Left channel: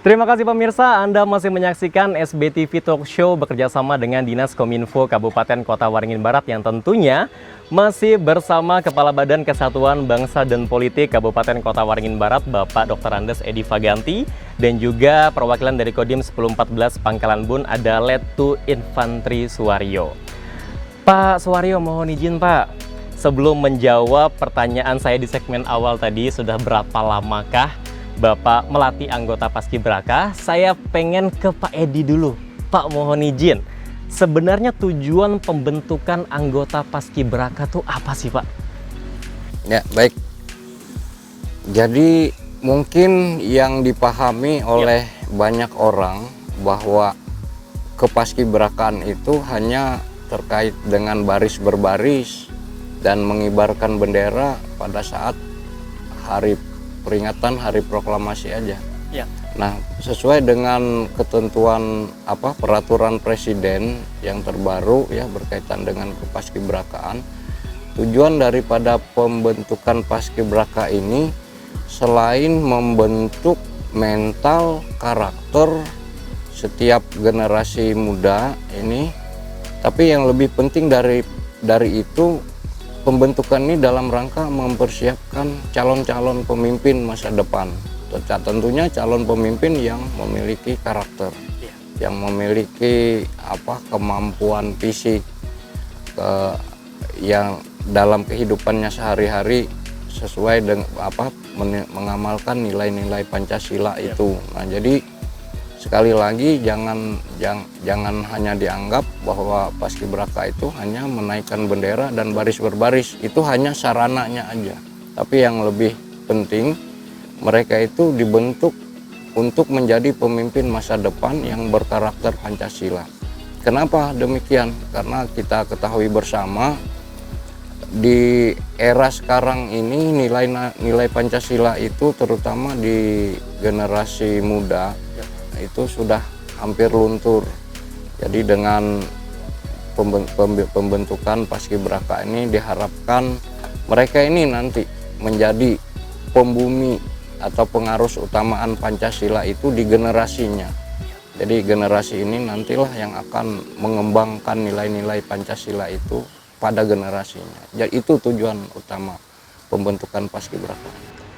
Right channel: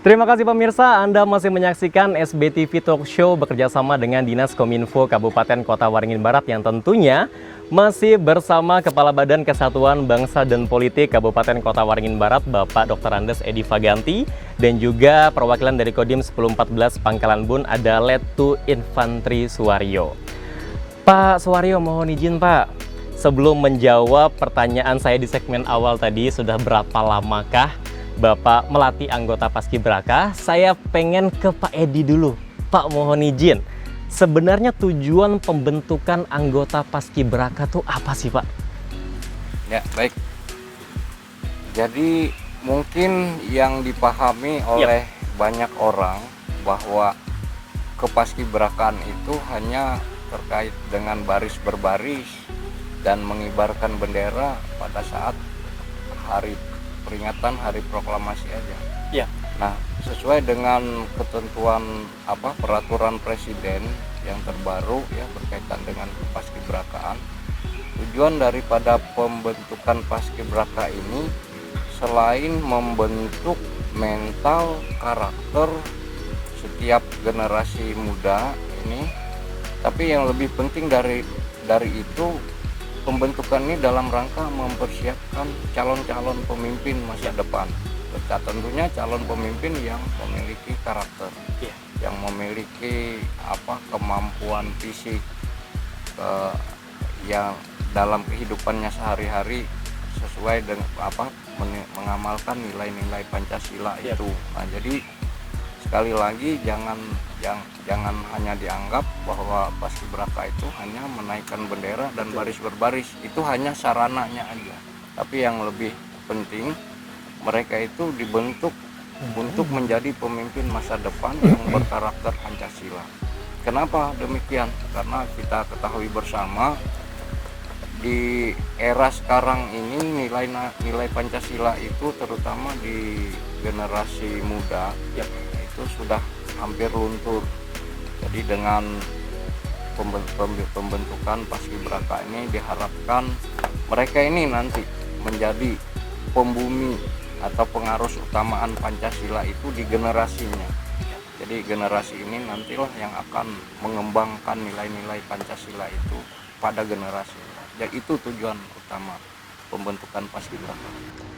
Terima kasih pemirsa, Anda masih menyaksikan SBTV Talk Show bekerjasama dengan Dinas Kominfo Kabupaten Kota Waringin Barat yang tentunya masih bersama Kepala Badan Kesatuan Bangsa dan Politik Kabupaten Kota Waringin Barat, Bapak Dr. Andes Edi Faganti, dan juga perwakilan dari Kodim 1014 Pangkalan Bun ada Letu Infantri Suwaryo. Pak Suwaryo, mohon izin Pak, sebelum menjawab pertanyaan saya di segmen awal tadi, sudah berapa lamakah Bapak melatih anggota Paskibraka? Saya pengen ke Pak Edi dulu. Pak, mohon izin. Sebenarnya tujuan pembentukan anggota Paskibraka tuh apa sih, Pak? Ya, baik. Jadi mungkin yang dipahami oleh banyak orang bahwa kepaskibrakaan itu hanya terkait dengan baris berbaris dan mengibarkan bendera pada saat peringatan hari proklamasi aja. Ya. Nah, sesuai dengan ketentuan peraturan presiden yang terbaru ya berkaitan dengan kepaskibrakaan, tujuan daripada pembentukan paskibraka ini selain membentuk mental karakter setiap generasi muda ini, tapi yang lebih penting dari itu, pembentukan ini dalam rangka mempersiapkan calon-calon pemimpin masa depan. Tentunya calon pemimpin yang memiliki karakter, yang memiliki kemampuan fisik, yang dalam kehidupannya sehari-hari sesuai dengan mengamalkan nilai-nilai Pancasila itu. Nah, jadi sekali lagi jangan hanya dianggap bahwa paskibraka itu hanya menaikkan bendera dan baris berbaris, itu hanya sarananya aja. Tapi yang lebih penting, mereka itu dibentuk untuk menjadi pemimpin masa depan yang berkarakter Pancasila. Kenapa demikian? Karena kita ketahui bersama di era sekarang ini nilai Pancasila itu terutama di generasi muda itu sudah hampir luntur. Jadi dengan pembentukan paskibraka ini diharapkan mereka ini nanti menjadi pembumi atau pengarus utamaan Pancasila itu di generasinya. Jadi generasi ini nantilah yang akan mengembangkan nilai-nilai Pancasila itu pada generasinya. Jadi itu tujuan utama pembentukan paskibraka.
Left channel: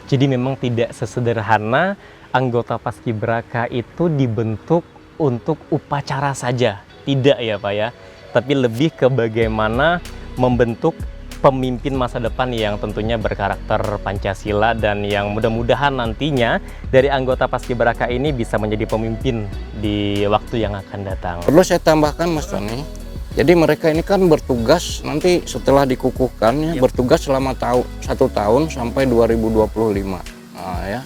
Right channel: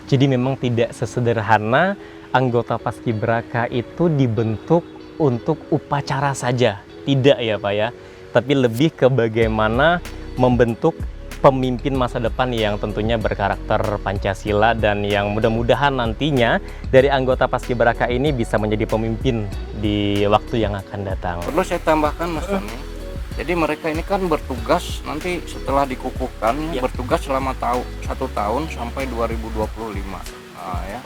Jadi memang tidak sesederhana anggota Paskibraka itu dibentuk untuk upacara saja, tidak ya Pak ya, tapi lebih ke bagaimana membentuk pemimpin masa depan yang tentunya berkarakter Pancasila dan yang mudah-mudahan nantinya dari anggota Paskibraka ini bisa menjadi pemimpin di waktu yang akan datang. Perlu saya tambahkan Mas Tony, jadi mereka ini kan bertugas nanti setelah dikukuhkan bertugas selama 1 tahun sampai 2025. Nah, ya.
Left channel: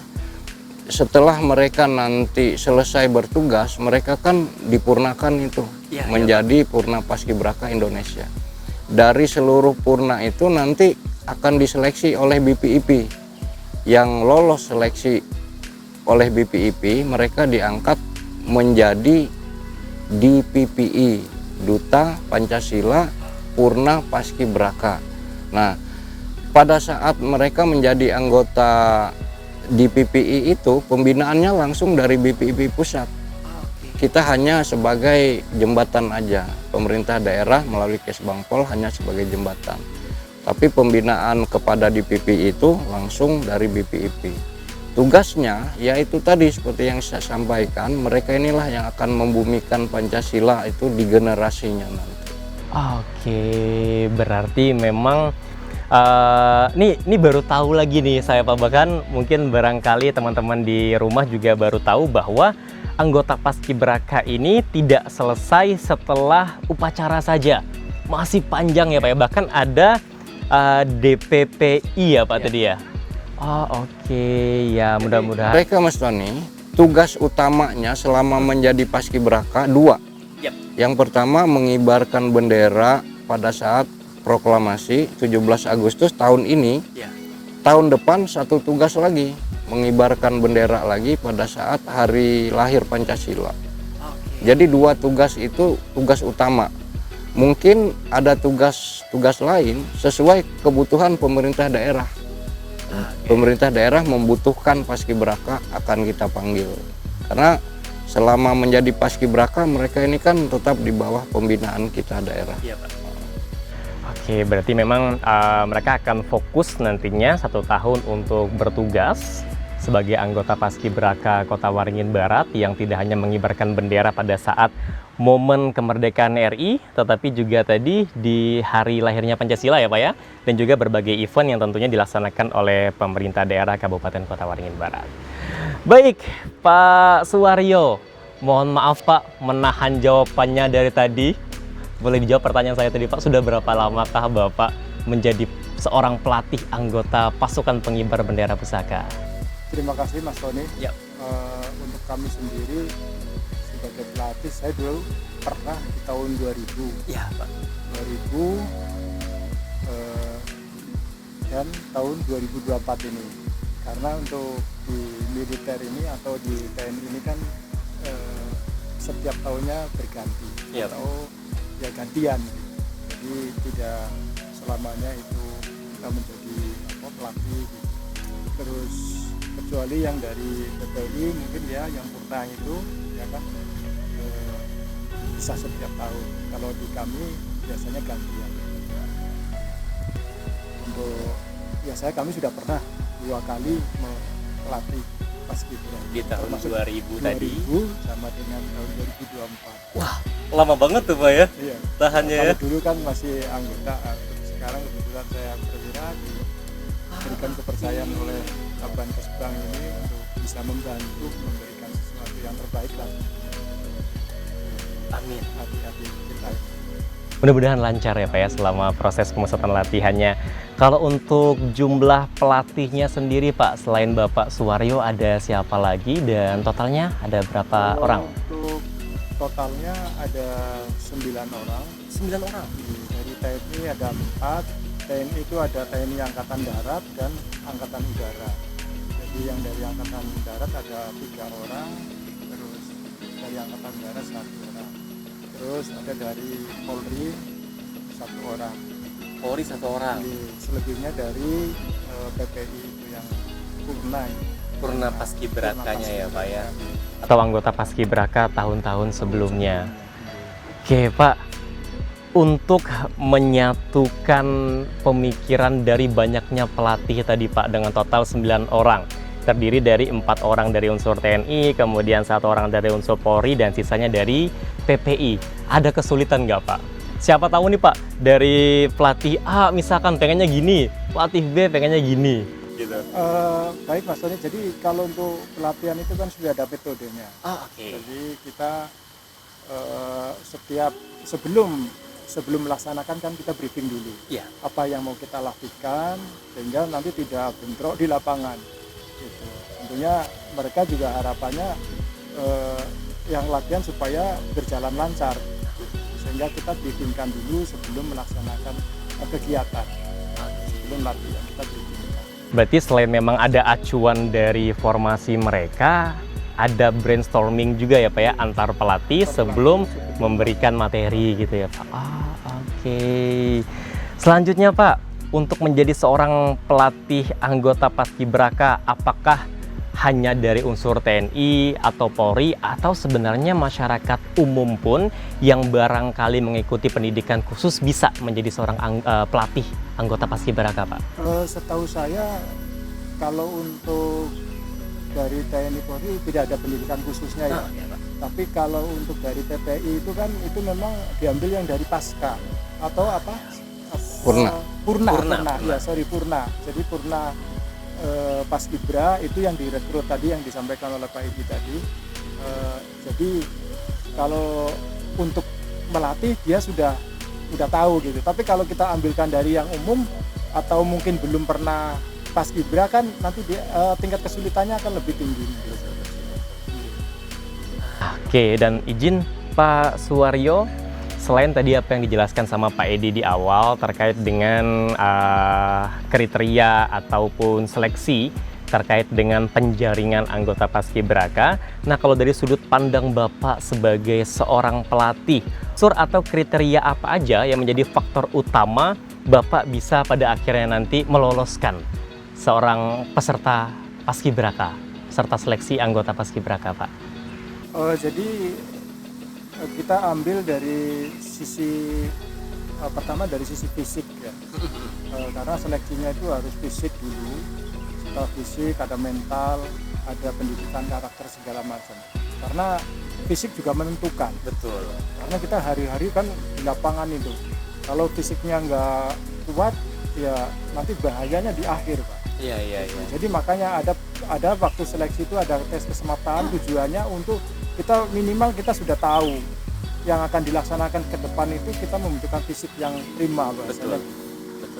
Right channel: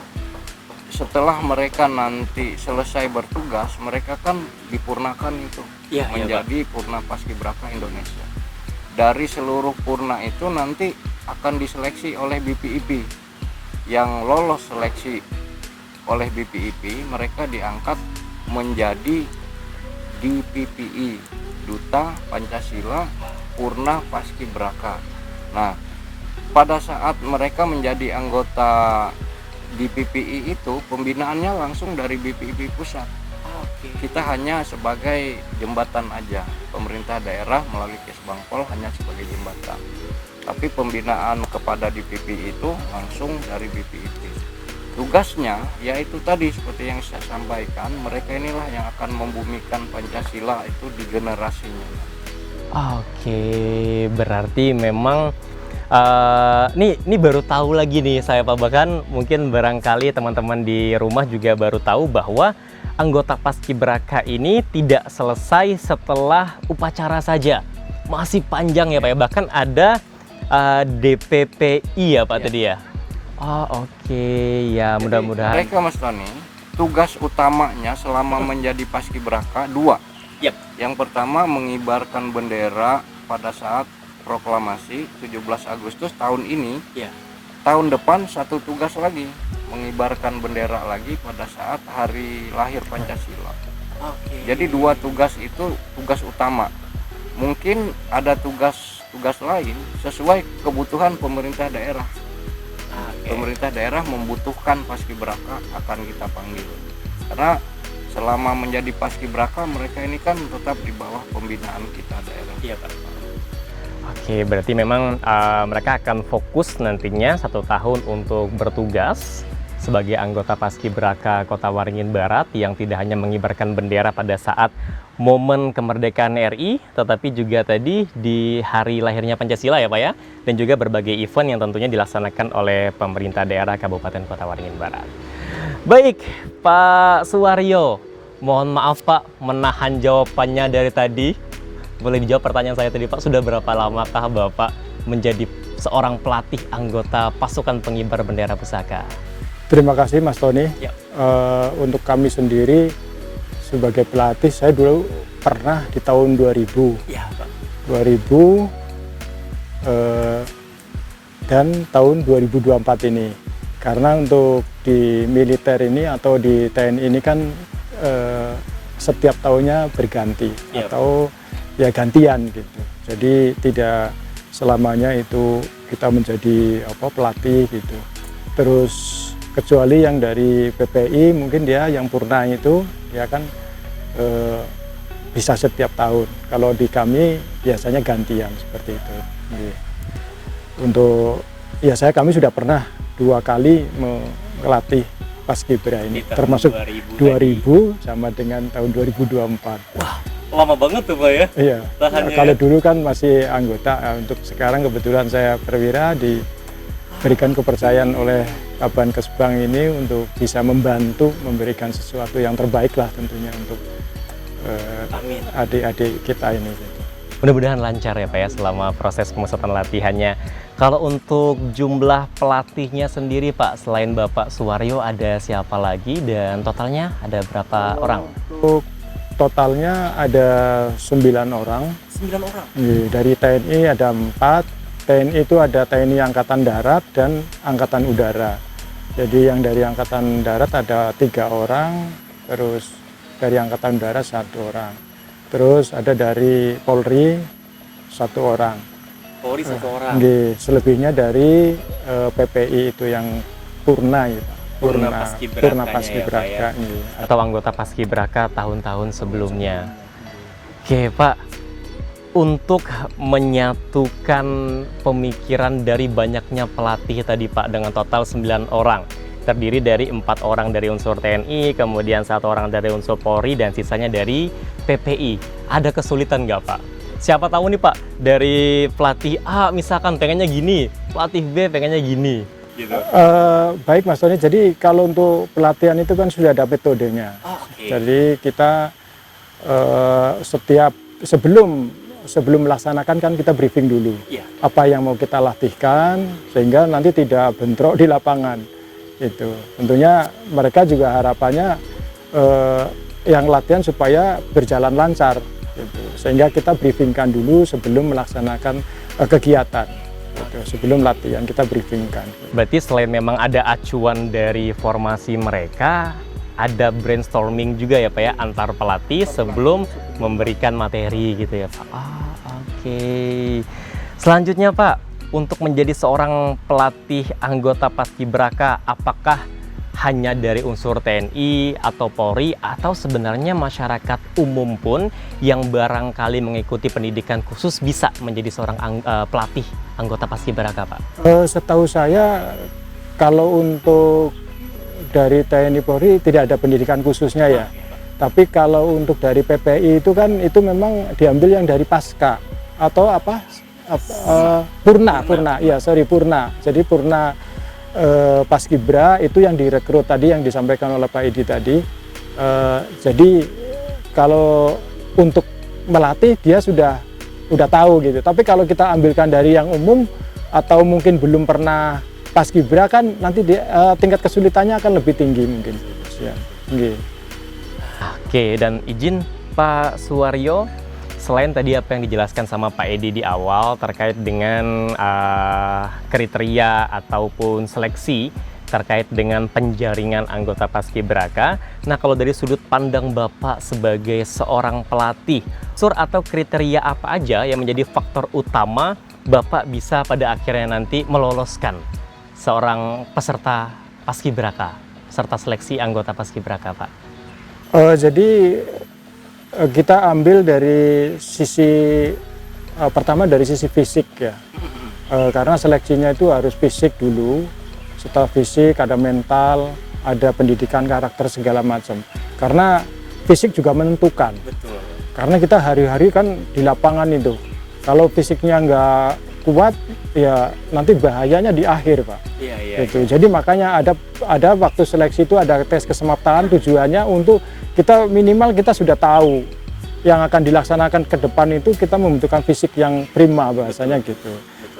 Setelah mereka nanti selesai bertugas, mereka kan dipurnakan itu menjadi Purna Paskibraka Indonesia. Dari seluruh purna itu nanti akan diseleksi oleh BPIP. Yang lolos seleksi oleh BPIP, mereka diangkat menjadi DPPI, Duta Pancasila Purna Paskibraka. Nah, pada saat mereka menjadi anggota di PPI itu, pembinaannya langsung dari BPIP pusat. Kita hanya sebagai jembatan aja, pemerintah daerah melalui Kesbangpol hanya sebagai jembatan. Tapi pembinaan kepada DPPI itu langsung dari BPIP. Tugasnya yaitu tadi seperti yang saya sampaikan, mereka inilah yang akan membumikan Pancasila itu di generasinya nanti. Oke, berarti memang ini baru tahu lagi nih saya Pak, bahkan mungkin barangkali teman-teman di rumah juga baru tahu bahwa anggota Paskibraka ini tidak selesai setelah upacara saja, masih panjang ya Pak ya, bahkan ada DPPI ya Pak tadi ya. Oke, ya mudah-mudahan. Mereka Mas Tony, tugas utamanya selama menjadi Paskibraka 2. Yang pertama mengibarkan bendera pada saat proklamasi 17 Agustus tahun ini. Tahun depan satu tugas lagi, mengibarkan bendera lagi pada saat hari lahir Pancasila. Jadi 2 tugas itu tugas utama. Mungkin ada tugas lain sesuai kebutuhan pemerintah daerah. Pemerintah daerah membutuhkan paskibraka akan kita panggil. Karena selama menjadi paskibraka mereka ini kan tetap di bawah pembinaan kita daerah. Iya, Pak. Oke, berarti memang mereka akan fokus nantinya 1 tahun untuk bertugas sebagai anggota Paskibraka Kota Waringin Barat yang tidak hanya mengibarkan bendera pada saat momen kemerdekaan RI, tetapi juga tadi di hari lahirnya Pancasila ya Pak ya, dan juga berbagai event yang tentunya dilaksanakan oleh pemerintah daerah Kabupaten Kota Waringin Barat. Baik, Pak Suwaryo, mohon maaf Pak menahan jawabannya dari tadi. Boleh dijawab pertanyaan saya tadi Pak, sudah berapa lamakah Bapak menjadi seorang pelatih anggota pasukan pengibar bendera pusaka? Terima kasih Mas Tony. Ya. Untuk kami sendiri sebagai pelatih, saya dulu pernah di tahun 2000. Ya, Pak. 2000 dan tahun 2024 ini. Karena untuk di militer ini atau di TNI ini kan setiap tahunnya berganti atau ya gantian gitu. Jadi tidak selamanya itu kita menjadi pelatih gitu. Terus kecuali yang dari PPI mungkin dia yang purna itu dia kan bisa setiap tahun. Kalau di kami biasanya gantian seperti itu. Untuk kami sudah pernah 2 kali melatih Paskibra ini, termasuk 2000 sama dengan tahun 2024. Wah, lama banget tuh Pak ya? Iya. Kalau dulu kan masih anggota, untuk sekarang kebetulan saya perwira diberikan kepercayaan oleh Kabankesbang ini untuk bisa membantu memberikan sesuatu yang terbaik lah tentunya untuk adik-adik kita ini. Mudah-mudahan lancar ya Pak ya selama proses pemusatan latihannya. Kalau untuk jumlah pelatihnya sendiri Pak, selain Bapak Suwaryo ada siapa lagi dan totalnya ada berapa orang? Untuk totalnya ada 9 orang. 9 orang? Dari TNI ada 4, TNI itu ada TNI Angkatan Darat dan Angkatan Udara. Jadi yang dari Angkatan Darat ada 3 orang, terus dari Angkatan Udara 1 orang. Terus ada dari Polri 1 orang. Polri 1 orang? Selebihnya dari PPI itu yang purna ya Pak. Purna Paskibraka ya, atau anggota Paskibraka tahun-tahun sebelumnya. Oke Pak, untuk menyatukan pemikiran dari banyaknya pelatih tadi Pak dengan total 9 orang, terdiri dari 4 orang dari unsur TNI, kemudian 1 orang dari unsur Polri, dan sisanya dari PPI. Ada kesulitan nggak Pak? Siapa tahu nih Pak, dari pelatih A misalkan pengennya gini, pelatih B pengennya gini. Gitu. Baik Mas Tony, jadi kalau untuk pelatihan itu kan sudah ada metodenya. Jadi kita sebelum melaksanakan kan kita briefing dulu. Apa yang mau kita latihkan sehingga nanti tidak bentrok di lapangan. Itu tentunya mereka juga harapannya yang latihan supaya berjalan lancar gitu. Sehingga kita briefingkan dulu sebelum melaksanakan kegiatan gitu. Sebelum latihan kita briefingkan. Berarti selain memang ada acuan dari formasi mereka, ada brainstorming juga ya Pak ya antar pelatih sebelum memberikan materi gitu ya Pak. Oke. Selanjutnya Pak, untuk menjadi seorang pelatih anggota Paskibraka, apakah hanya dari unsur TNI atau Polri, atau sebenarnya masyarakat umum pun yang barangkali mengikuti pendidikan khusus bisa menjadi seorang pelatih anggota Paskibraka Pak? Setahu saya kalau untuk dari TNI Polri tidak ada pendidikan khususnya ya. Tapi kalau untuk dari PPI itu kan itu memang diambil yang dari pasca atau apa? Purna. Jadi Purna Paskibra itu yang direkrut tadi yang disampaikan oleh Pak Edi tadi. Jadi kalau untuk melatih dia sudah tahu gitu. Tapi kalau kita ambilkan dari yang umum atau mungkin belum pernah Paskibra kan nanti tingkat kesulitannya akan lebih tinggi mungkin. Ya. Oke, dan izin Pak Suwaryo, selain tadi apa yang dijelaskan sama Pak Edi di awal terkait dengan kriteria ataupun seleksi terkait dengan penjaringan anggota Paskibraka, nah kalau dari sudut pandang Bapak sebagai seorang pelatih, unsur atau kriteria apa aja yang menjadi faktor utama Bapak bisa pada akhirnya nanti meloloskan seorang peserta Paskibraka, peserta seleksi anggota Paskibraka Pak? Jadi kita ambil dari sisi pertama dari sisi fisik ya. Karena seleksinya itu harus fisik dulu, setelah fisik ada mental, ada pendidikan karakter segala macam. Karena fisik juga menentukan. Betul. Karena kita hari-hari kan di lapangan itu. Kalau fisiknya nggak kuat, ya nanti bahayanya di akhir, Pak. Iya. Gitu. Jadi makanya ada waktu seleksi itu ada tes kesemaptaan, tujuannya untuk kita minimal kita sudah tahu yang akan dilaksanakan ke depan itu kita membutuhkan fisik yang prima bahasanya gitu.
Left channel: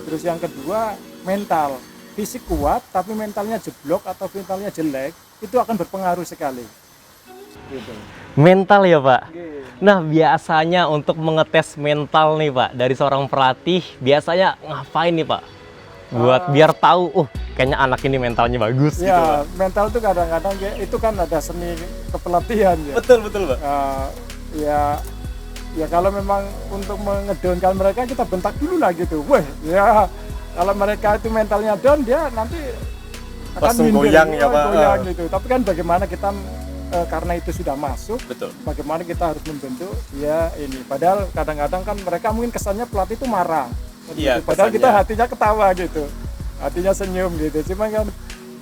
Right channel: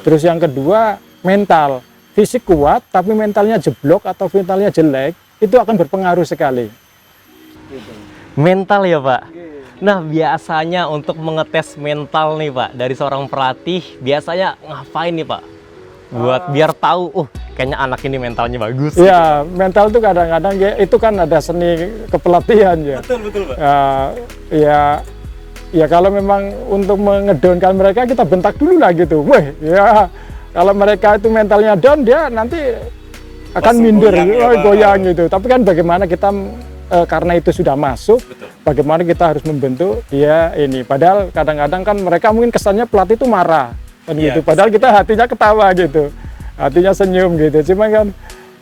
Terus yang kedua mental, fisik kuat tapi mentalnya jeblok atau mentalnya jelek itu akan berpengaruh sekali. Gitu. Mental ya Pak. Nah biasanya untuk mengetes mental nih Pak dari seorang pelatih biasanya ngapain nih Pak? Buat biar tahu, kayaknya anak ini mentalnya bagus. Iya, mental itu kadang-kadang ya itu kan ada seni kepelatihan ya. Betul Pak. Ya kalau memang untuk mengedonkan mereka kita bentak dulu lah gitu. Weh, ya kalau mereka itu mentalnya down dia nanti akan minder, goyang gitu. Tapi kan bagaimana kita karena itu sudah masuk, Betul. bagaimana kita harus membentuk dia ini. Padahal kadang-kadang kan mereka mungkin kesannya pelatih itu marah, kan Iya, gitu. Padahal kita hatinya ketawa gitu, hatinya senyum gitu. Cuma kan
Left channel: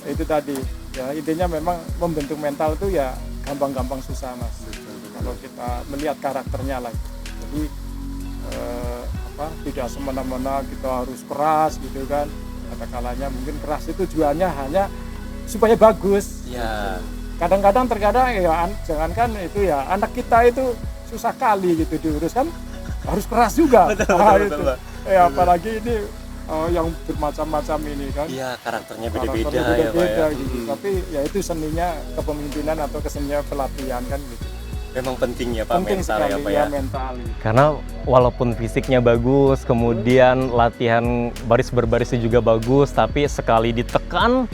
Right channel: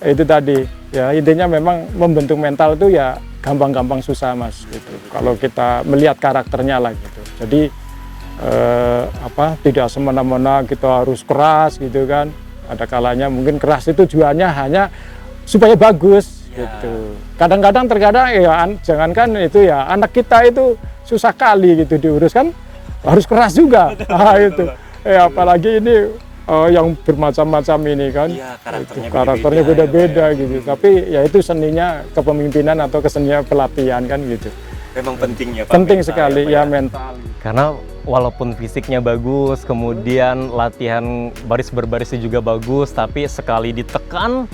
itu tadi, ya intinya memang membentuk mental itu ya gampang-gampang susah Mas. Gitu. Kalau kita melihat karakternya lah gitu. Jadi tidak semena-mena kita harus keras gitu kan. Ada kalanya mungkin keras itu tujuannya hanya supaya bagus. Ya. Gitu. Kadang-kadang terkadang ya jangankan itu ya anak kita itu susah kali gitu diurus kan harus keras juga. Itu. Apalagi ini yang bermacam-macam ini kan. Iya, karakternya beda-beda gitu. Tapi ya itu seninya kepemimpinan atau kesenian pelatihan kan gitu. Memang penting ya Pak. Penting sekali ya mental. Karena walaupun fisiknya bagus, kemudian latihan baris berbarisnya juga bagus, tapi sekali ditekan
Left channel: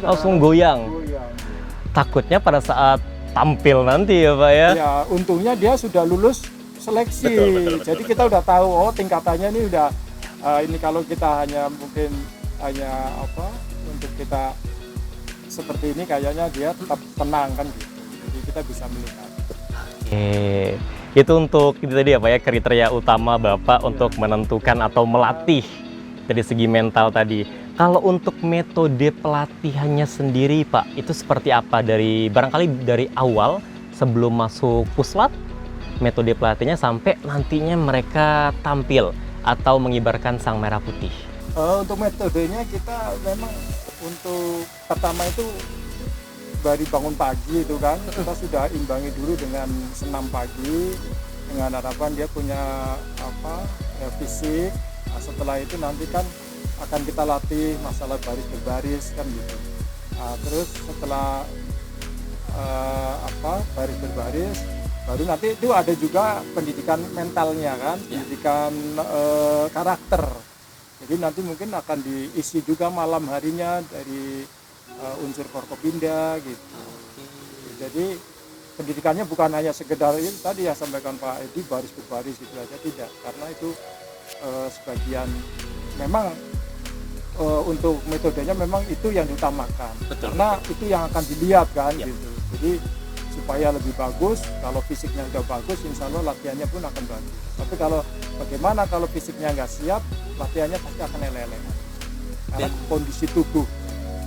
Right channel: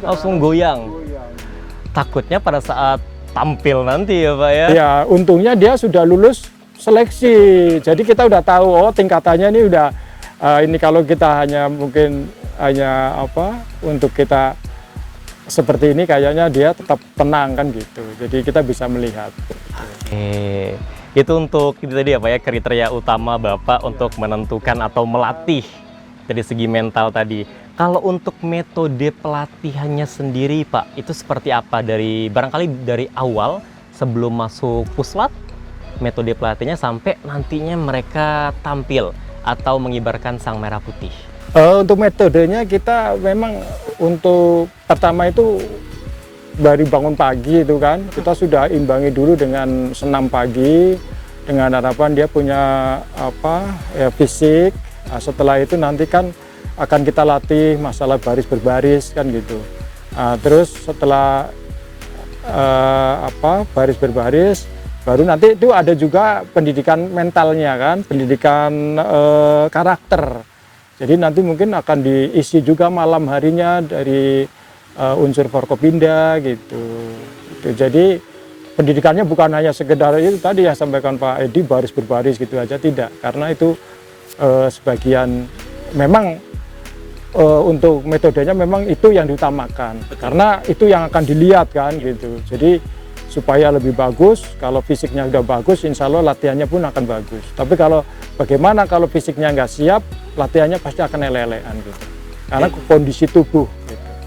langsung goyang. Takutnya pada saat tampil nanti ya Pak ya. Ya, untungnya dia sudah lulus seleksi. Jadi kita udah tahu tingkatannya ini udah ini kalau kita hanya mungkin hanya untuk kita seperti ini kayaknya dia tetap tenang kan gitu. Jadi kita bisa melihat. Oke. Itu untuk itu tadi apa ya kriteria utama Bapak untuk menentukan atau melatih dari segi mental tadi. Kalau untuk metode pelatihannya sendiri Pak, itu seperti apa barangkali dari awal sebelum masuk puslat, metode pelatihannya sampai nantinya mereka tampil atau mengibarkan sang merah putih? Untuk metodenya kita memang untuk pertama itu dari bangun pagi itu kan, kita sudah imbangi dulu dengan senam pagi dengan harapan dia punya fisik. Nah, setelah itu nanti kan akan kita latih masalah baris berbaris kan gitu. Nah, terus setelah baris berbaris baru nanti itu ada juga pendidikan mentalnya kan, pendidikan karakter. Jadi nanti mungkin akan diisi juga malam harinya dari unsur Forkopimda gitu. Jadi pendidikannya bukan hanya sekedar itu tadi ya sampaikan Pak Edi baris berbaris gitu aja, tidak. Karena itu sebagian memang untuk metodenya memang itu yang diutamakan. Karena itu yang akan dilihat kan gitu. Jadi supaya lebih bagus, kalau fisiknya sudah bagus, insya Allah latihannya pun akan bagus. Tapi kalau bagaimana kalau fisiknya nggak siap, latihannya pasti akan elelean gitu. Karena kondisi tubuh.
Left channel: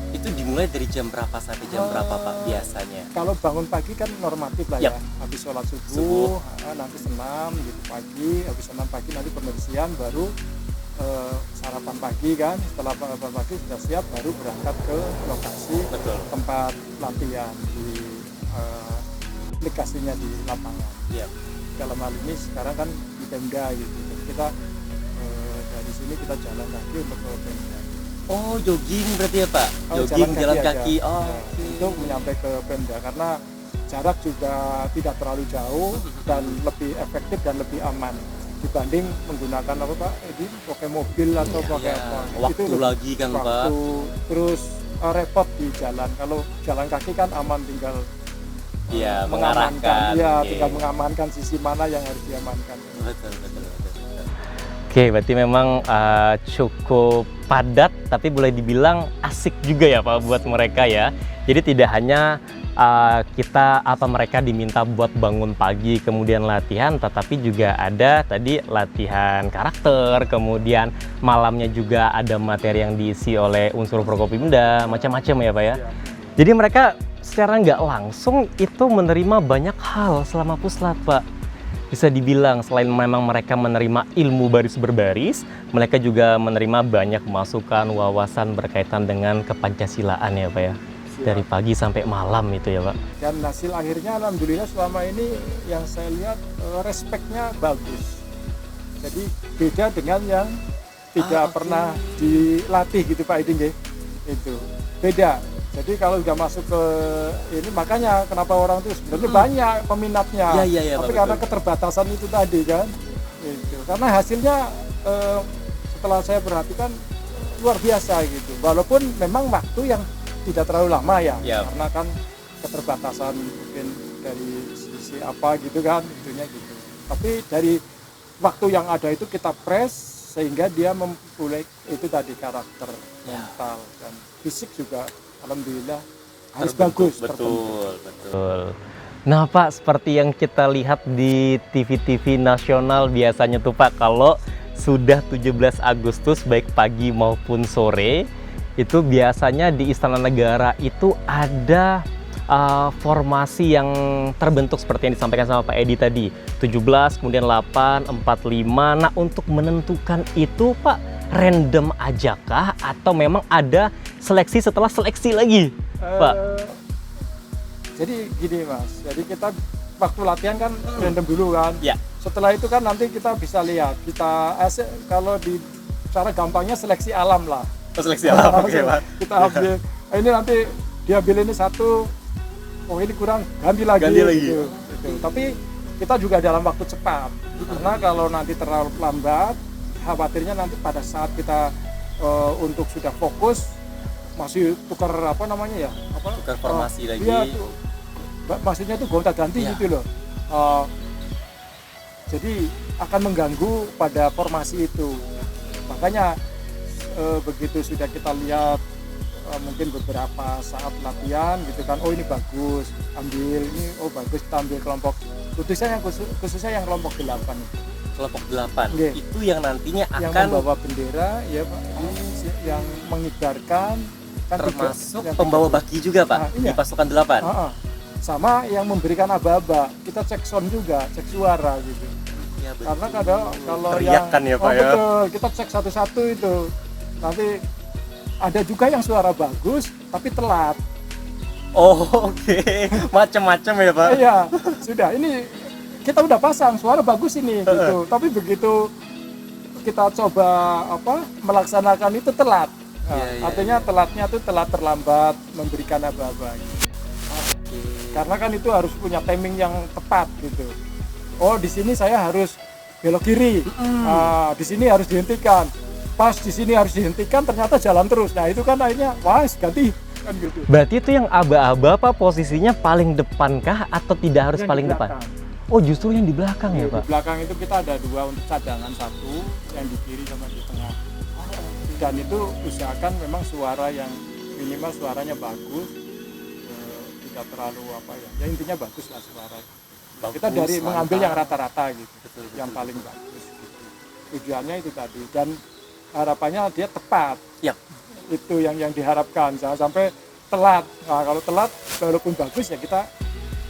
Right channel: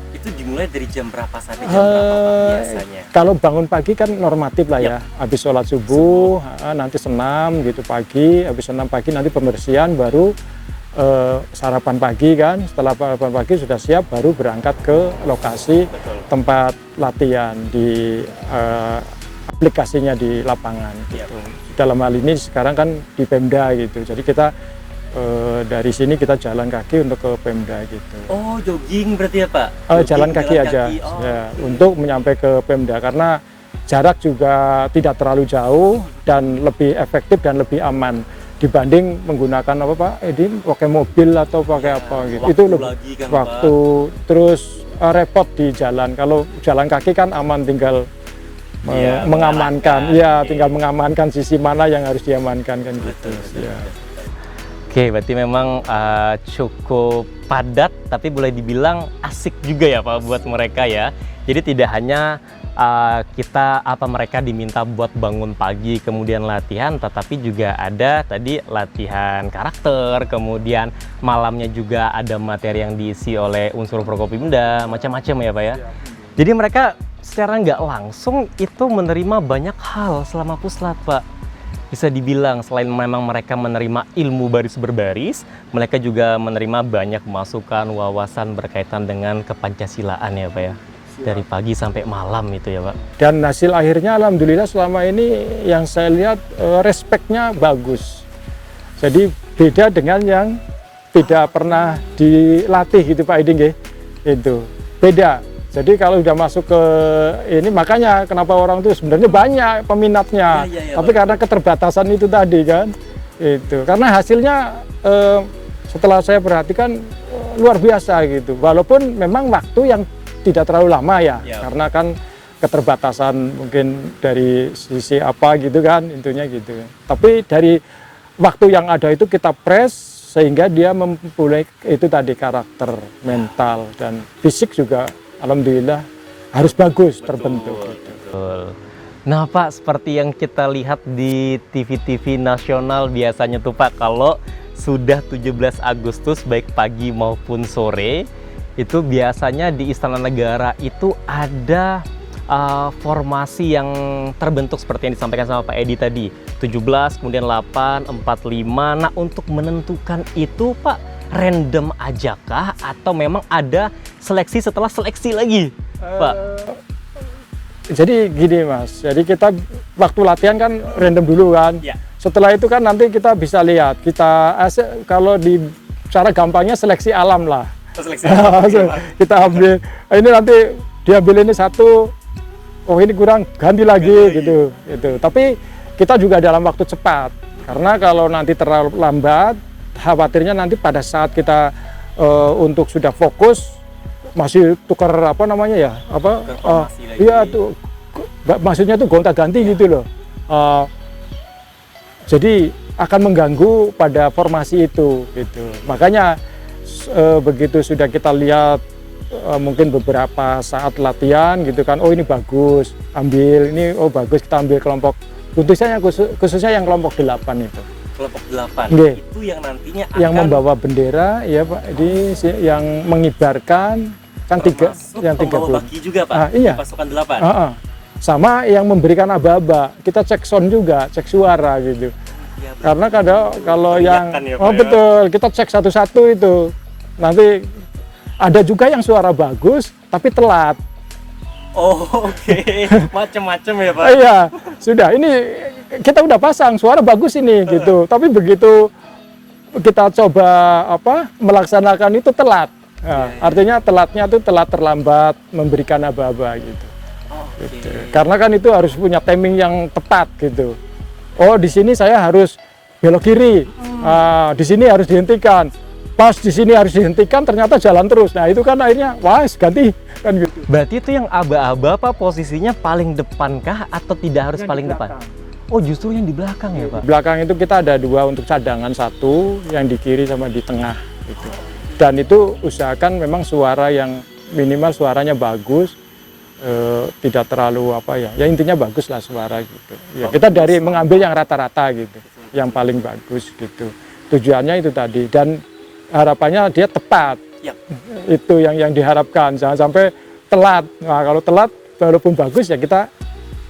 Itu dimulai dari jam berapa sampai jam berapa Pak biasanya? Kalau bangun pagi kan normatif lah ya. Habis sholat subuh, nanti senam gitu pagi, habis senam pagi nanti pembersihan, baru sarapan pagi kan. Setelah sarapan pagi sudah siap, baru berangkat ke lokasi tempat latihan di aplikasinya di lapangan. Gitu. Dalam hal ini sekarang kan di Pemda gitu. Jadi kita dari sini kita jalan kaki untuk ke Pemda gitu. Oh, jogging berarti ya Pak? Jalan kaki aja. Oh. Ya, untuk menyampai ke Pemda karena jarak juga tidak terlalu jauh dan lebih efektif dan lebih aman dibanding menggunakan ini pakai mobil atau pakai apa gitu. Itu lebih kan, waktu Pak. Terus repot di jalan. Kalau jalan kaki kan aman, tinggal mengamankan. Iya, tinggal mengamankan sisi mana yang harus diamankan kan gitu. Ya. Oke, berarti memang cukup padat, tapi boleh dibilang asik juga ya Pak buat mereka ya. Jadi tidak hanya kita mereka diminta buat bangun pagi kemudian latihan, tetapi juga ada tadi latihan karakter, kemudian malamnya juga ada materi yang diisi oleh unsur Prokopimda, macam-macam ya Pak ya. Jadi mereka secara nggak langsung itu menerima banyak hal selama puslat Pak. Bisa dibilang selain memang mereka menerima ilmu baris berbaris, mereka juga menerima banyak masukan, wawasan berkaitan dengan kepancasilaan ya Pak ya. Dari pagi sampai malam itu ya Pak. Dan hasil akhirnya alhamdulillah selama ini yang saya lihat respeknya bagus. Jadi beda dengan yang tidak pernah dilatih gitu Pak Iding ya. Itu beda. Jadi kalau udah masuk ke ini, makanya kenapa orang itu sebenarnya banyak peminatnya. Tapi karena keterbatasan itu tadi kan. Itu karena hasilnya setelah saya perhatikan luar biasa gitu. Walaupun memang waktu yang tidak terlalu lama ya, karena kan keterbatasan mungkin dari sisi apa gitu kan, intinya gitu. Tapi dari waktu yang ada itu kita press sehingga dia mempunyai itu tadi karakter, mental dan fisik juga alhamdulillah harus bagus terbentuk. Betul. Nah Pak, seperti yang kita lihat di TV-TV nasional biasanya tuh Pak, kalau sudah 17 Agustus baik pagi maupun sore, itu biasanya di Istana Negara itu ada formasi yang terbentuk seperti yang disampaikan sama Pak Edi tadi, 17, kemudian 8, 45. Nah untuk menentukan itu Pak, random aja kah atau memang ada seleksi setelah seleksi lagi Pak? Jadi gini Mas, jadi kita waktu latihan kan random dulu kan. Ya. Setelah itu kan nanti kita bisa lihat, kita kalau di cara gampangnya seleksi alam lah. Kita ambil ini nanti diambil ini satu, oh ini kurang ganti lagi gitu. Tapi kita juga dalam waktu cepat, karena kalau nanti terlalu lambat khawatirnya nanti pada saat kita untuk sudah fokus masih tukar apa namanya ya iya tuh maksudnya tuh gonta-ganti gitu loh. Jadi akan mengganggu pada formasi itu gitu. Makanya begitu sudah kita lihat mungkin beberapa saat latihan gitu kan, oh ini bagus, ambil ini, oh bagus kita ambil kelompok khususnya yang kelompok 8 itu. Kelompok 8 itu yang nantinya akan yang membawa bendera ya Pak, ini yang mengibarkan kan yang 3 bagi juga Pak, iya. pasukan 8. Sama yang memberikan aba-aba, kita cek sound juga, cek suara gitu. Ya, karena kalau yang ya, betul, kita cek satu-satu itu. Nanti ada juga yang suara bagus tapi telat. Oh, oke. Macam-macam ya Pak. Iya, sudah ini kita udah pasang suara bagus ini gitu. Tapi begitu kita coba melaksanakan itu telat. Nah, artinya telatnya itu telat terlambat memberikan aba-aba gitu. Gitu. Karena kan itu harus punya timing yang tepat gitu. Oh, di sini saya harus belok kiri. Di sini harus dihentikan. Pas di sini harus dihentikan, ternyata jalan terus. Nah itu kan akhirnya, wah ganti kan gitu. Berarti itu yang aba-aba Pak posisinya paling depan kah atau tidak harus yang paling depan? Oh justru yang di belakang ya Pak? Di belakang itu kita ada 2 untuk cadangan, 1 yang di kiri sama di tengah. Gitu. Dan itu usahakan memang suara yang minimal suaranya bagus, tidak terlalu ya intinya bagus lah suara gitu. Ya, kita dari mengambil yang rata-rata gitu, yang paling bagus gitu. Tujuannya itu tadi dan harapannya dia tepat. Ya. Itu yang diharapkan, jangan sampai telat. Nah kalau telat walaupun bagus ya kita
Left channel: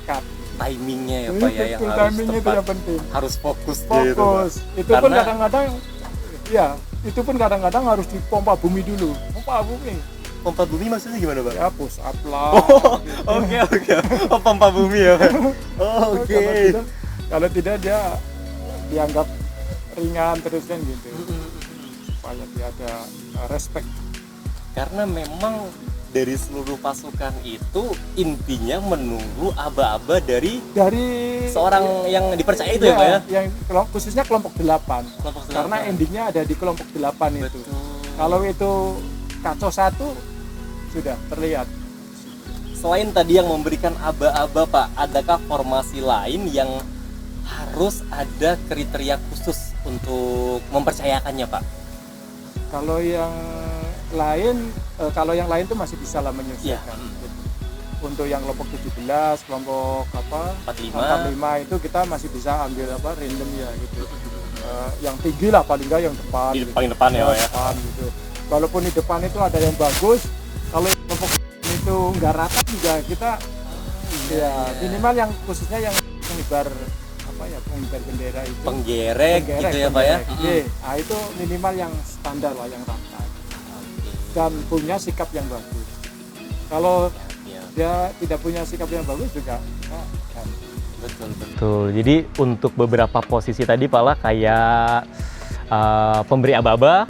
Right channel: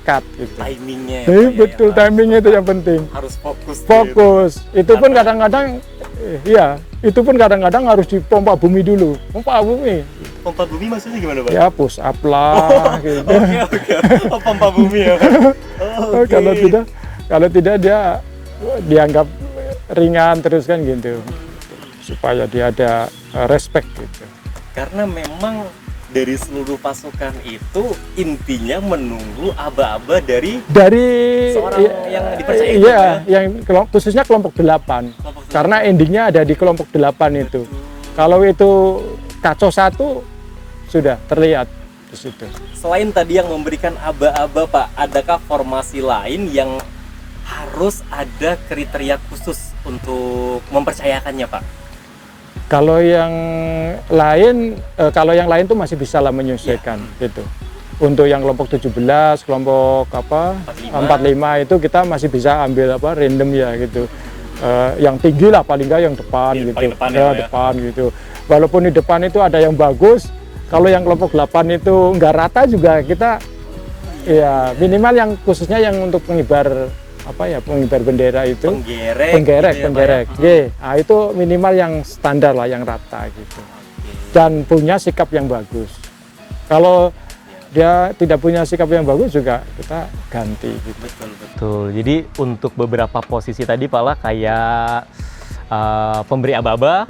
cut gitu. Timingnya ya Pak, betul ya, timingnya itu yang penting. Harus fokus gitu. Itu pun kadang-kadang itu pun kadang-kadang harus dipompa bumi dulu. Pompa bumi maksudnya gimana Pak? Ya push up lah gitu. Oke. Oh pompa bumi ya. Kalau tidak dia dianggap ringan terus kan gitu. Supaya dia ada respect gitu. Karena memang dari seluruh pasukan itu intinya menunggu aba-aba dari seorang yang dipercaya itu ya. Yang khususnya kelompok 8. Karena endingnya ada di kelompok 8 itu. Kalau itu kacau satu sudah terlihat di situ. Selain tadi yang memberikan aba-aba Pak, adakah formasi lain yang harus ada kriteria khusus untuk mempercayakannya Pak? Kalau yang lain tuh masih bisa lah menyesuaikan gitu. Untuk yang kelompok 17, kelompok 45 itu kita masih bisa ambil random ya gitu. Yang tinggi lah paling nggak yang depan gitu. Paling depan ya, depan gitu. Walaupun di depan itu ada yang bagus, kalau yang kelompok 8 itu nggak rata juga kita ya minimal yang khususnya yang untuk pengibar pengibar bendera itu penggerek. Nah, itu minimal yang standar lah, yang rata gitu. Dan punya sikap yang bagus. Kalau dia tidak punya sikap yang bagus juga kita ganti gitu. Betul. Jadi untuk beberapa posisi tadi Pak lah kayak pemberi aba-aba,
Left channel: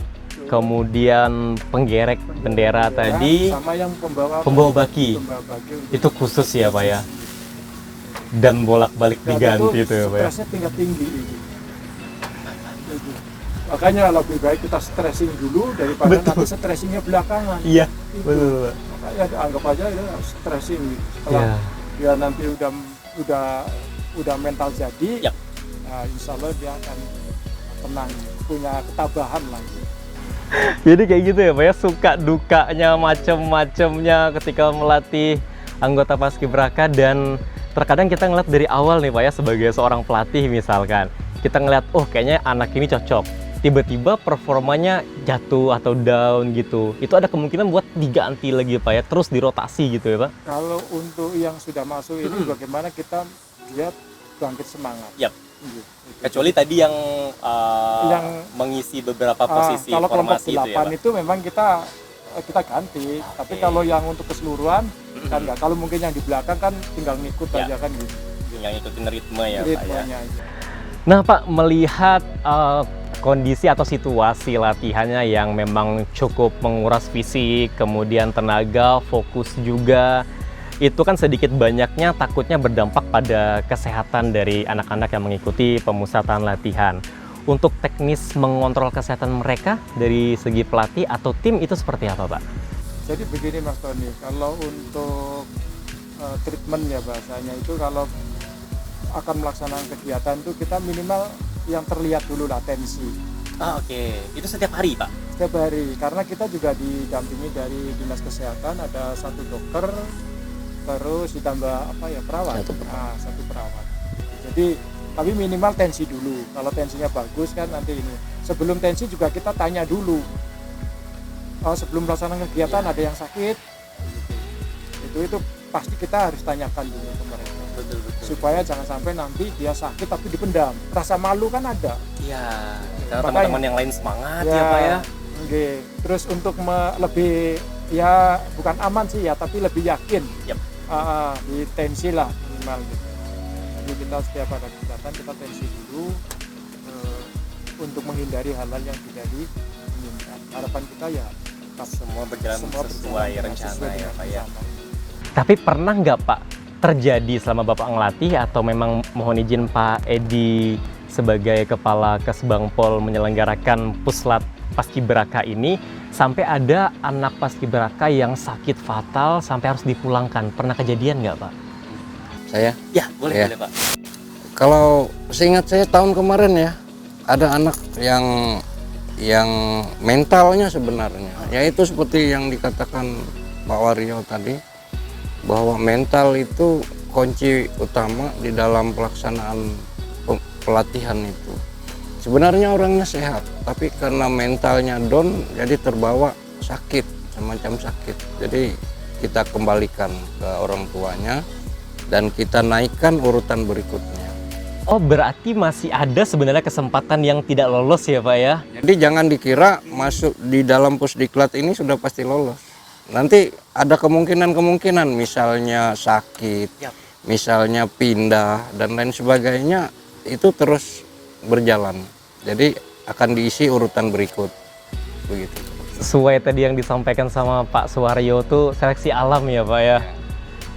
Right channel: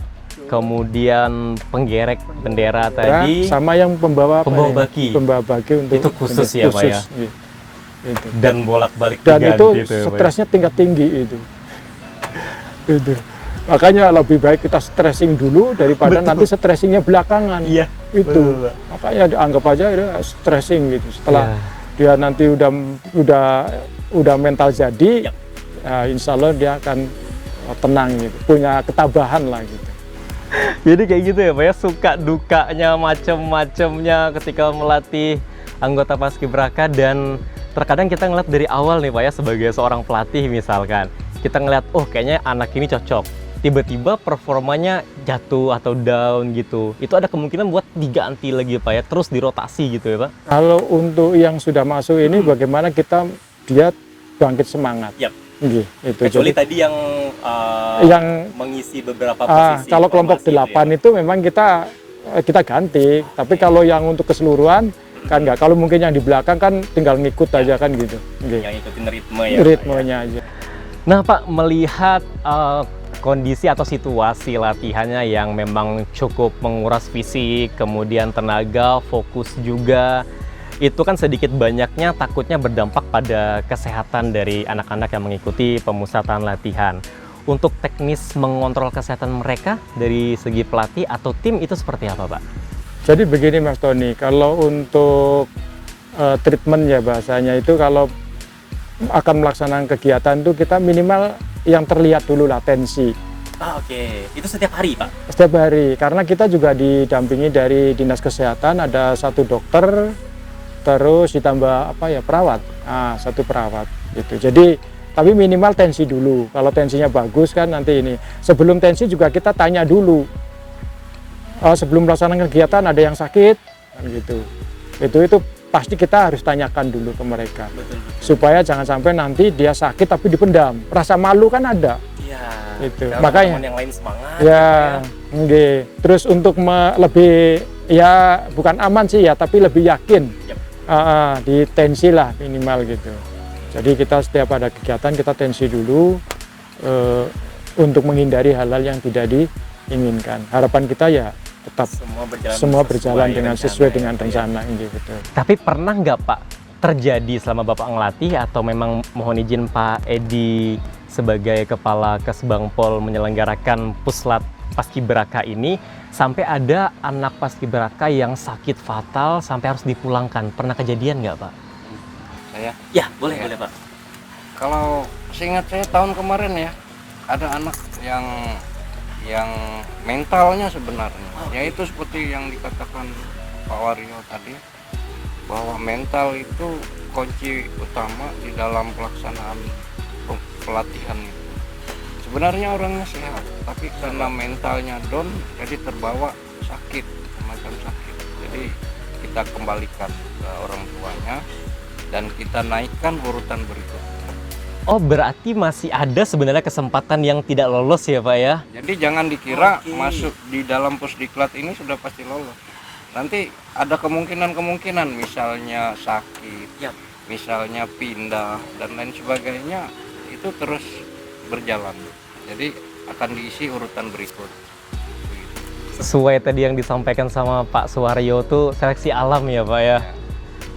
kemudian penggerek bendera tadi, sama yang pembawa baki. Untuk itu khusus ya Pak ya. Gitu. Dan bolak-balik Dan diganti itu ya, Pak ya. stresnya tingkat tinggi itu. Makanya lebih baik kita stressing dulu daripada nanti stressingnya belakangan. Iya. Itu. Betul. Makanya anggap aja itu stressing gitu. Setelah dia nanti udah mental jadi, insya Allah dia akan tenang gitu, punya ketabahan lah gitu. Jadi kayak gitu ya Pak ya, suka dukanya macem-macemnya ketika melatih anggota Paskibraka. Dan terkadang kita ngeliat dari awal nih Pak ya, sebagai seorang pelatih misalkan, kita ngeliat oh kayaknya anak ini cocok, tiba-tiba performanya jatuh atau down gitu, itu ada kemungkinan buat diganti lagi Pak ya, terus dirotasi gitu ya Pak? Kalau untuk yang sudah masuk ini bagaimana dia bangkit semangat. Itu Kecuali jadi, tadi yang mengisi beberapa posisi. Kalau kelompok 8 itu memang kita ganti, tapi kalau yang untuk keseluruhan kan enggak. Kalau mungkin yang di belakang kan tinggal ngikut aja kan gitu. Yang ikutin ritme ya. Ritmenya aja. Nah Pak, melihat kondisi atau situasi latihannya yang memang cukup menguras fisik, kemudian tenaga, fokus juga, itu kan sedikit banyaknya takutnya berdampak pada kesehatan dari anak-anak yang mengikuti pemusatan latihan. Untuk teknis mengontrol kesehatan mereka dari segi pelatih atau tim itu seperti apa Pak? Jadi begini Mas Tony, kalau untuk treatment ya bahasanya itu, kalau akan melaksanakan kegiatan itu kita minimal yang terlihat dulu lah tensi. Oke. Itu setiap hari Pak? Setiap hari, karena kita juga didampingi dari Dinas Kesehatan, ada 1 dokter, terus ditambah perawat. Satu perawat gitu. Jadi tapi minimal tensi dulu. Kalau tensinya bagus kan nanti ini. Sebelum tensi juga kita tanya dulu. Sebelum melaksanakan kegiatan ada yang sakit gitu. Itu pasti kita harus tanyakan dulu ke mereka. Supaya jangan sampai nanti dia sakit tapi dipendam. Rasa malu kan ada. Iya. Itu. Nah, makanya teman yang lain semangat ya Pak ya. Terus untuk lebih ya bukan aman sih ya, tapi lebih yakin. Di tensi lah minimal gitu. Jadi kita setiap ada kegiatan kita tensi dulu untuk menghindari hal-hal yang tidak diinginkan. Harapan kita ya tetap semua berjalan dengan sesuai dengan rencana ini gitu. Tapi pernah nggak Pak terjadi selama Bapak ngelatih, atau memang mohon izin Pak Edi sebagai Kepala Kesbangpol menyelenggarakan Puslat Paskibraka ini, sampai ada anak Paskibraka yang sakit fatal sampai harus dipulangkan? Pernah kejadian nggak Pak? Saya? Ya, boleh Pak. Kalau seingat saya tahun kemarin ya, ada anak yang mentalnya sebenarnya, yaitu seperti yang dikatakan Pak Wario tadi, bahwa mental itu kunci utama di dalam pelaksanaan pelatihan itu. Sebenarnya orangnya sehat, tapi karena mentalnya down, jadi terbawa sakit, semacam sakit. Jadi kita kembalikan ke orang tuanya dan kita naikkan urutan berikutnya. Oh, berarti masih ada sebenarnya kesempatan yang tidak lolos ya Pak ya? Jadi jangan dikira masuk di dalam Pusdiklat ini sudah pasti lolos. Nanti ada kemungkinan-kemungkinan, misalnya sakit, misalnya pindah, dan lain sebagainya, itu terus berjalan. Jadi akan diisi urutan berikut. Begitu. Sesuai tadi yang disampaikan sama Pak Suwaryo tuh seleksi alam ya Pak ya?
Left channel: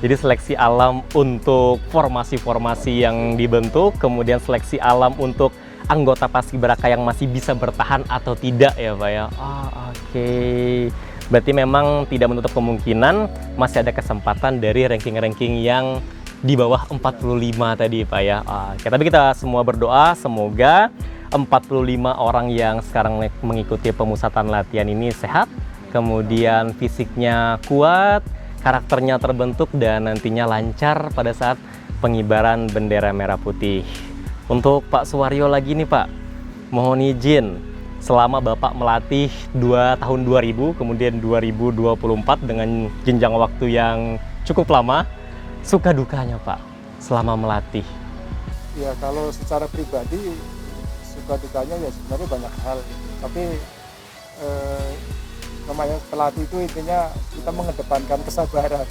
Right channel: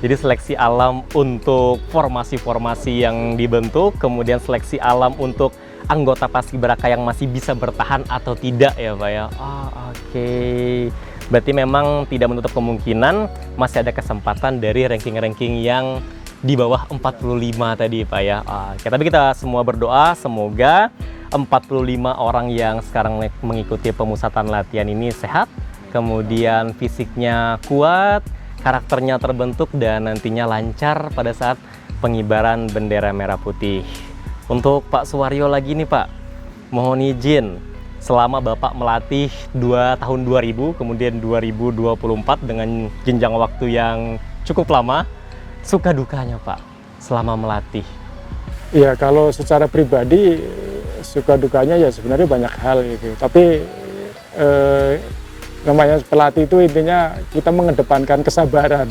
Jadi seleksi alam untuk formasi-formasi yang dibentuk, kemudian seleksi alam untuk anggota Paskibraka yang masih bisa bertahan atau tidak ya Pak ya? Oke. Berarti memang tidak menutup kemungkinan masih ada kesempatan dari ranking-ranking yang di bawah 45 tadi Pak ya. Oke, tapi kita semua berdoa semoga 45 orang yang sekarang mengikuti pemusatan latihan ini sehat, kemudian fisiknya kuat, karakternya terbentuk dan nantinya lancar pada saat pengibaran bendera merah putih. Untuk Pak Suwaryo lagi nih Pak, mohon izin, selama Bapak melatih 2 tahun 2000, kemudian 2024 dengan jenjang waktu yang cukup lama, suka dukanya Pak selama melatih? Ya kalau secara pribadi suka dukanya ya sebenarnya banyak hal gitu. Tapi namanya pelatih itu intinya kita mengedepankan kesabaran.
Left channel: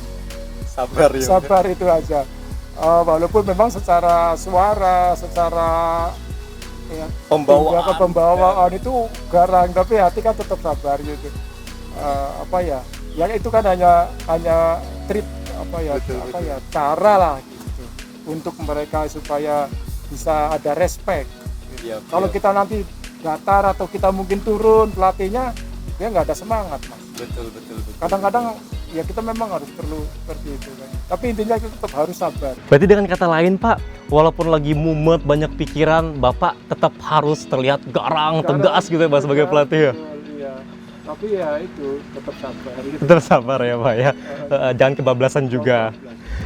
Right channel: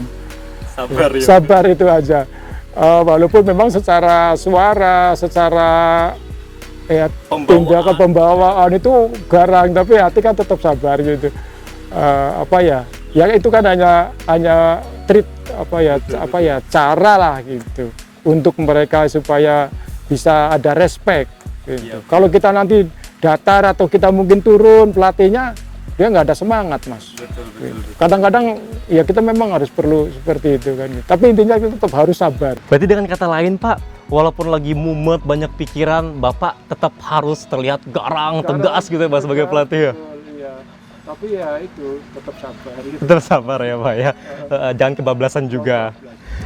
Sabar ya. Sabar itu aja. Walaupun memang secara suara, secara ya tindakan pembawaan itu garang, tapi hati kan tetap sabar gitu. Apa ya? Ya itu kan hanya trik apa ya cara lah gitu untuk mereka supaya bisa ada respect gitu. Kalau kita nanti datar atau kita mungkin turun, pelatihnya dia nggak ada semangat Mas. Kadang-kadang ya kita memang harus perlu seperti itu kan. Tapi intinya kita tetap harus sabar. Berarti dengan kata lain Pak, walaupun lagi mumet banyak pikiran, Bapak tetap harus terlihat garang, tegas gitu ya Pak sebagai pelatih ya? Iya. Tapi ya itu tetap sabar gitu. Tetap sabar ya Pak ya, jangan kebablasan juga.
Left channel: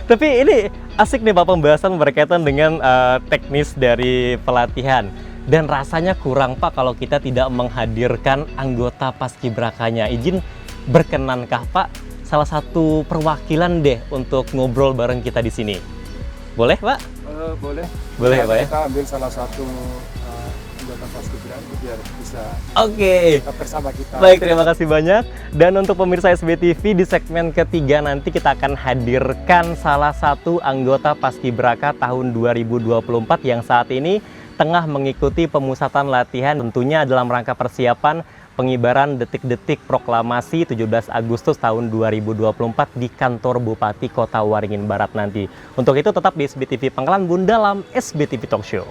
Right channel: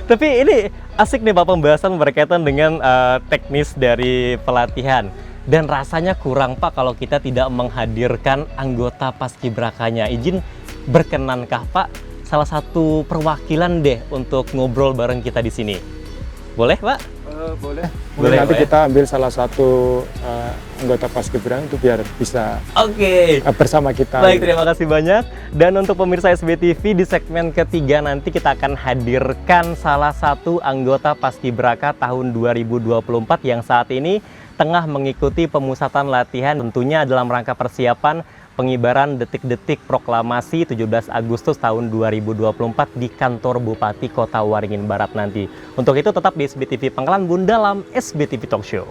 Tapi ini asik nih Pak pembahasan berkaitan dengan teknis dari pelatihan. Dan rasanya kurang Pak kalau kita tidak menghadirkan anggota paskibrakanya. Izin berkenankah Pak salah satu perwakilan deh untuk ngobrol bareng kita di sini? Boleh Pak? Boleh. Boleh Nanti Pak ya? kita ambil salah satu anggota paskibra itu biar bisa Oke. bersama kita. Baik, terima kasih banyak. Dan untuk pemirsa SBTV, di segmen ketiga nanti kita akan hadirkan salah satu anggota Paskibraka tahun 2024 yang saat ini tengah mengikuti pemusatan latihan tentunya dalam rangka persiapan pengibaran detik-detik proklamasi 17 Agustus tahun 2024 di kantor Bupati Kota Waringin Barat nanti. Untuk itu tetap di SBTV Pangkalan Bun dalam SBTV Talk Show.